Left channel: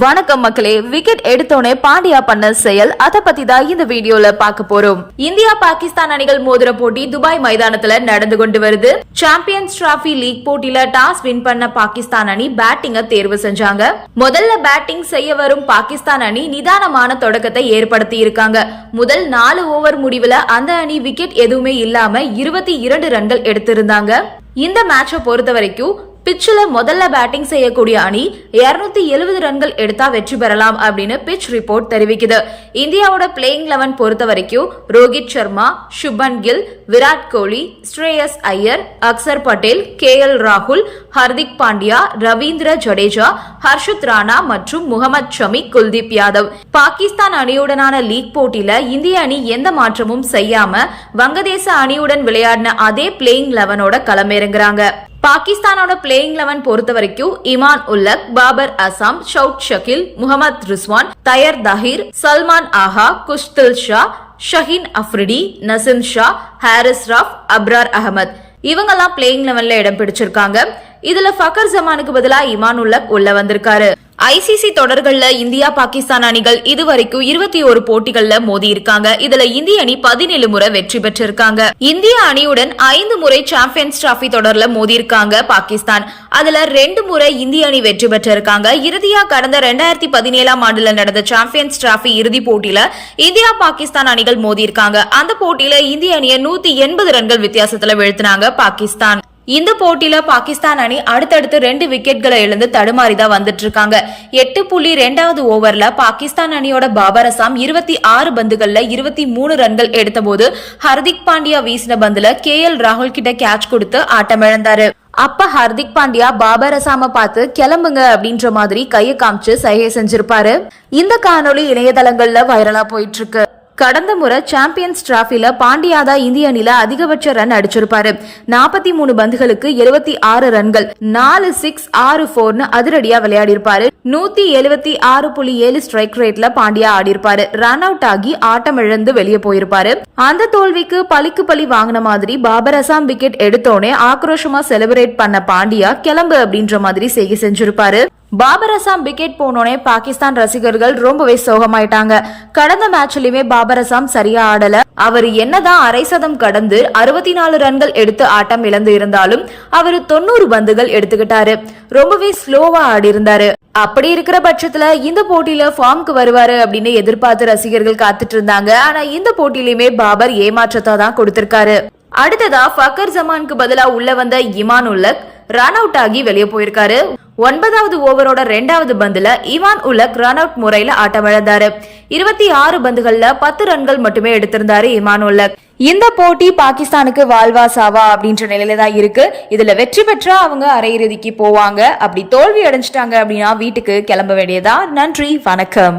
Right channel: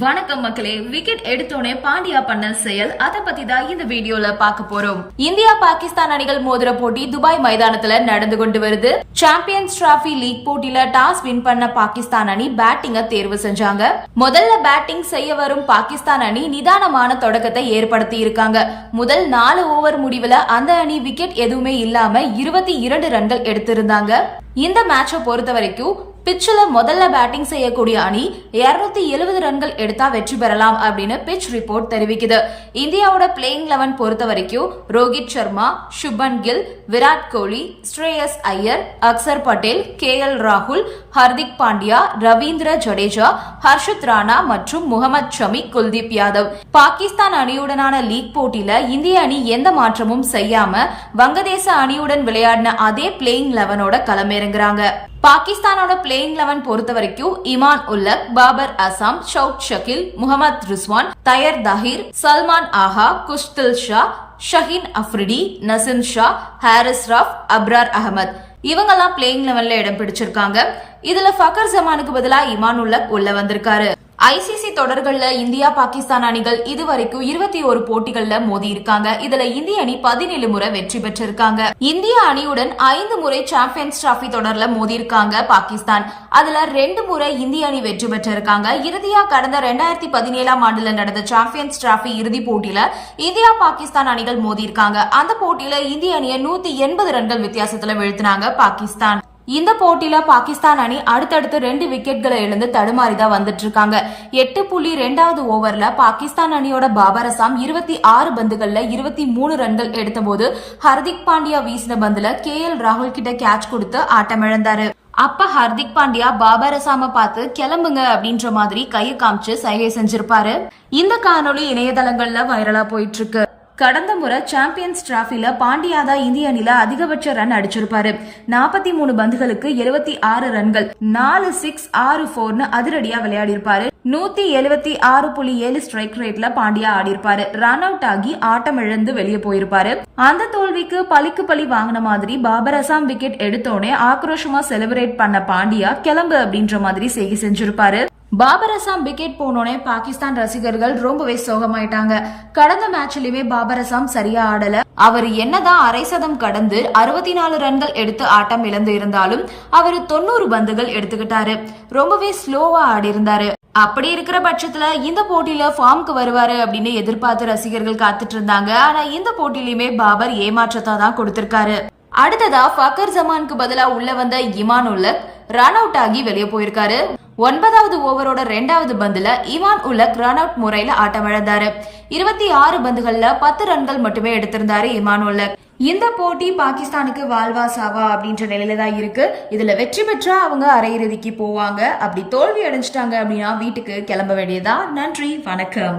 வணக்கம் மக்களே விக்கெட் எடுத்தோனே பாண்டியா பண்ண செயல். அத பத்தி தான் இந்த வீடியோல பார்க்க போறோம். இந்தியா பாகிஸ்தான் அணிகள் மோதிர போட்டி துபாய் மைதானத்துல நடந்து கொண்டு வருது. சாம்பியன்ஸ் டிராபி லீக் போட்டியில டாஸ் வின் பண்ண பாகிஸ்தான் அணி பேட்டிங்க தேர்வு செஞ்சாங்க. முதல்ல பேட்டிங் செய்ய வரும் பாகிஸ்தான் அணி நிதானமான தொடக்கத்தை ஏற்படுத்தி இருக்காங்க. முதல் நாலு ஓவர் முடிவுல அந்த அணி விக்கெட் எதுவுமே இல்லாம இருபத்தி இரண்டு ரன்கள் எடுத்திருந்தாங்க. இந்த மேட்சை பொறுத்த வரைக்கும் பிச்சில் முதல்ல பேட்டிங் செய்யக்கூடிய அணி 270 எழுபது ரன்கள் எடுத்தா வெற்றி பெறலாம் அப்படின்னு பிச் ரிப்போர்ட் தெரிவிக்குது. இந்தியாவோட பிளேயிங் லெவன் பொறுத்த வரைக்கும் ரோஹித் சர்மா சுபன் கில் விராட் கோலி ஸ்ரேயஸ் ஐயர் அக்சர் பட்டேல் கே எல் ராகுல் ஹர்திக் பாண்டியா ரவீந்திர ஜடேஜா ஹர்ஷத் ராணா மற்றும் முகமது ஷமி குல்தீப் யாதவ். பாகிஸ்தான் அணியுடனான லீக் போட்டியில இந்திய அணி எந்த மாற்றமும் செய்யாம வங்கதேச அணியுடன் விளையாடின அதே பிளேயிங் லெவனோட களமிறங்குறாங்க பாகிஸ்தானோட பிளேயிங் லெவன் பொறுத்த வரைக்கும் இமான் உல்லக் பாபர் அசாம் ஷவுத் ஷகில் முகமது ரிஸ்வான் தயர் தஹீர் சல்மான் ஆஹா குஷ்தில் ஷா ஷஹீன் அஃப்ரிடி நசின் ஷா ஹாரிஸ் ராப் அப்ரார் அகமத் இவங்கெல்லாம் பிளேயிங் லெவன்ல இடம் பிடிச்சிருக்காங்க. இதுல ஃபக்கர் ஜமானுக்கு பதிலா இமானுல்லக் உள்ள வந்திருக்காரு. ஐசிசி தொடர்கள்ல இந்தியா பாகிஸ்தான் அணிகள் இதுவரைக்கும் இருபத்தி ஒரு போட்டிகள்ல மோதி இருக்காங்க. இதுல இந்திய அணி பதினேழு முறை வெற்றி பெற்றிருக்காங்க. இந்திய அணியுடன் ஐந்து முறை சாம்பியன்ஸ் டிராபி தொடர்ல மோதி இருக்காங்க பாகிஸ்தான். அதுல ரெண்டு முறை இந்திய அணி வெற்றி பெற்றிருக்காங்க. இறுதியா கடந்த ரெண்டாயிரத்தி பதினேழாம் ஆண்டுல நடந்த சாம்பியன்ஸ் டிராபி இறுதி போட்டியில இந்தியா பாகிஸ்தான் அணிகள் மோதி இருக்காங்க. அந்த போட்டியில இந்திய அணியை நூத்தி எண்பது ரன்கள் வித்தியாசத்துல வீழ்த்தினாங்க பாகிஸ்தான். இந்த போட்டியில பாகிஸ்தான் அணி அடுத்தடுத்து ரெண்டு விக்கெட்களை இழந்து தடுமாறி தான் வந்துட்டு இருக்காங்க எட்டு புள்ளி ரெண்டாவது ஓவர்ல பாகிஸ்தான் அணியோட பாபர் அசாம் இருபத்தி ஆறு பந்துகள்ல இருபத்தி மூணு ரன்கள் எடுத்தபோது ஹர்திக் பாண்டியா வீசின பந்துல கே எல் ராகுல் கிட்ட கேட்ச் கொடுத்து ஆட்டமிழந்தாரு. அப்ப ஹர்திக் பாண்டியா பாபர் அசாம பார்த்து கிளம்புங்க அப்படின்ற மாதிரி கையை காமிச்சு சைகை செஞ்சிருப்பாரு. இந்த காணொளி இணையதளங்கள்ல வைரலா போயிட்டு இருக்கு கடந்த முறை சாம்பியன்ஸ் டிராஃபில பாண்டியா தான் இந்திய அணில அதிகபட்ச ரன் அடிச்சிருப்பாரு. நாற்பத்தி மூணு பந்துகளுக்கு எழுபத்தி ஆறு ரன்கள் நாலு சிக்ஸ் ஆறு போர்னு அதிரடியா விளையாடி இருப்பாரு நூத்தி எழுபத்தி ஆறு புள்ளி ஏழு ஸ்ட்ரைக் ரேட்ல பாண்டியா ஆடி இருப்பாரு ரன் அவுட் ஆகி ஆட்டம் இழந்து வெளியே போயிருப்பாரு. அந்த தோல்விக்கு பழிக்கு பழி வாங்கின மாதிரி பாபர் அசாம் விக்கெட் எடுத்தோடனே ஆக்ரோஷமா செலிப்ரேட் பண்ண பாண்டியா கிளம்பு அப்படின்ற மாதிரி செய்கை செஞ்சிருப்பாரு. பாபர் அசாம் விக்கெட் போனோடனே பாகிஸ்தான் ரசிகர்கள் ரொம்பவே சோகமாயிட்டாங்க. கடந்த மேட்ச்லயுமே பாபர் அசாம் சரியா ஆடல. அவர் என்னதான் அரை சதம் கடந்து அறுபத்தி நாலு ரன்கள் எடுத்து ஆட்டம் இழந்து இருந்தாலும் அவர் தொண்ணூறு பந்துகள் எடுத்துக்கிட்டாரு. ரொம்பவே ஸ்லோவா ஆடி இருந்தாரு அப்படி இருக்கிற பட்சத்துல இந்த போட்டியில ஃபார்முக்கு வருவாரு அப்படின்னு எதிர்பார்த்து ரசிகர்கள் காத்துட்டு இருந்தாங்க. ஆனா இந்த போட்டியிலுமே பாபர் ஏமாற்றத்தை தான் கொடுத்திருக்காரு. அடுத்ததா ஃபக்கர் ஜமானுக்கு பதிலா உள்ள வந்த இமான் உல்லக் ரன் அவுட் ஆகி வெளியே போயிருக்காரு. ஒன்பதாவது ஓவரோட ரெண்டாவது பந்துல இவான் உலக் ரன் அவுட் முறையில ஆட்டமிழந்தாரு இருபத்தி ஆறு பந்துகள்ல பத்து ரன்கள் மட்டுமே எடுத்திருந்தாரு இமான் உலக். இந்த போட்டி பாகிஸ்தானுக்கு வாழ்வா சாவா அப்படின்ற நிலையில தான் இருக்கு. இதுல வெற்றி பெற்றா அவங்க அரையிறுதிக்கு போவாங்க. அப்படி தோல்வி அடைஞ்சிட்டாங்க அப்படின்னா வீட்டுக்கு கிளம்ப வேண்டியதா நன்றி வணக்கம்.